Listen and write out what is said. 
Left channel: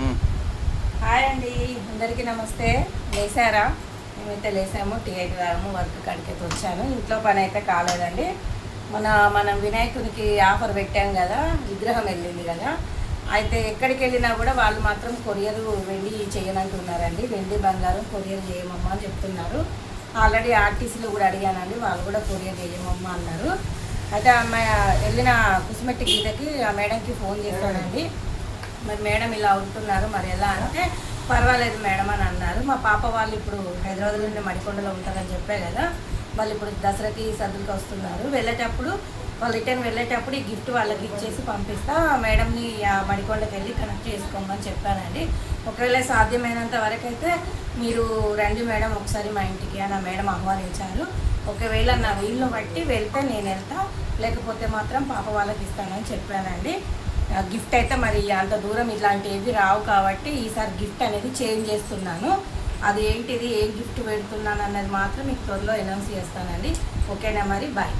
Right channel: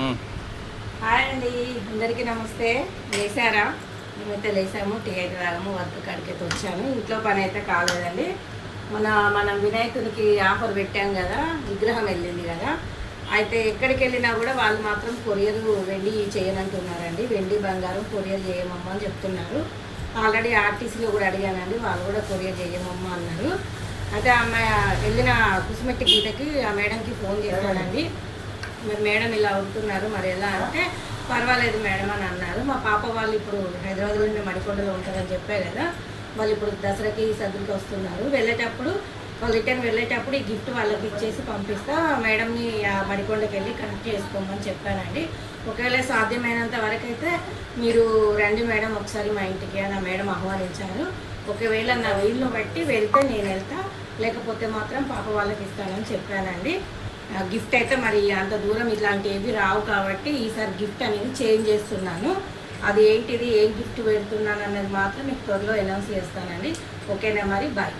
Hi అండి, అందరికీ నమస్తే. లేసారా? మేమైతే లేసాము, టీ అయితే తాగాము, వర్క్ కాడికైతే వచ్చాను. ఇంట్లో పని అయితే కాలేదండి. మనం వినాయకునికి ఆఫర్ పెట్టాం కదా, విగ్రహం వెళ్ళింది కదా. అయితే ఎక్కడికి వెళ్ళినా కూడా వాళ్ళు మాత్రం కొరియర్ వెండి చేయనంటున్నారండి. వెండి బంగారం కొరియర్ చేయమమ్మా అని చెప్తున్నారు. ఆల్రెడీ ఆర్టీసీలో కూడా అడిగానండి, వాళ్ళు కూడా కొరియర్ చేయమమ్మా అన్నారు. అయితే అమ్మాయి వెళ్ళిన కుసుమెట్టి గీతకి ఆ మేడంకి ఫోన్ చేశానండి. మరి మేడం ఇలా ఉంటున్నారు, మరి ఎలా అంటే పర్వాలేదు మేడం అని అన్నారు. మా పాప వాళ్ళు ఇప్పుడు హైదరాబాద్ నుండి మడికొండలో ఉంటారని చెప్పే కదా, వాళ్ళు ఇప్పుడు దసరాకి సద్దులకి వస్తున్నారు. వెళ్ళేటప్పుడు వాళ్ళు రిటర్న్ వెళ్ళేటప్పుడు ఈ గిఫ్ట్ వాళ్ళకి ఇచ్చేసి పంపిస్తా, మేడంని ఆ మడికొండకి వెళ్ళి కనెక్ట్ చేసుకోమని చెప్పానండి. ఒకవేళ సాధ్యమైనంత వరకు అయితే మీరు రండి మేడం ఒకసారి మా ఇంటికి అని ఆ మేడం ఆహ్వానించారు. ఒకవేళ నా వీళ్ళు బట్టి వెళ్తే నేను వెళ్తా, లేకపోతే మాత్రం పాప వాళ్ళకి ఇస్తానని చెప్పానండి. గిఫ్ట్ అయితే మరి అంత దూరం ఇట్లాంటివి రావు కాబట్టి ఈసారి గిఫ్ట్ అనేది చేంజ్ చేస్తున్నాను. అది ఏంటిది, ఏం గిఫ్ట్ పెడుతున్నాను అన్నది మాత్రం మీకు త్వరలో అనౌన్స్ చేస్తానండి. ఓకేనా, మరి బాయ్.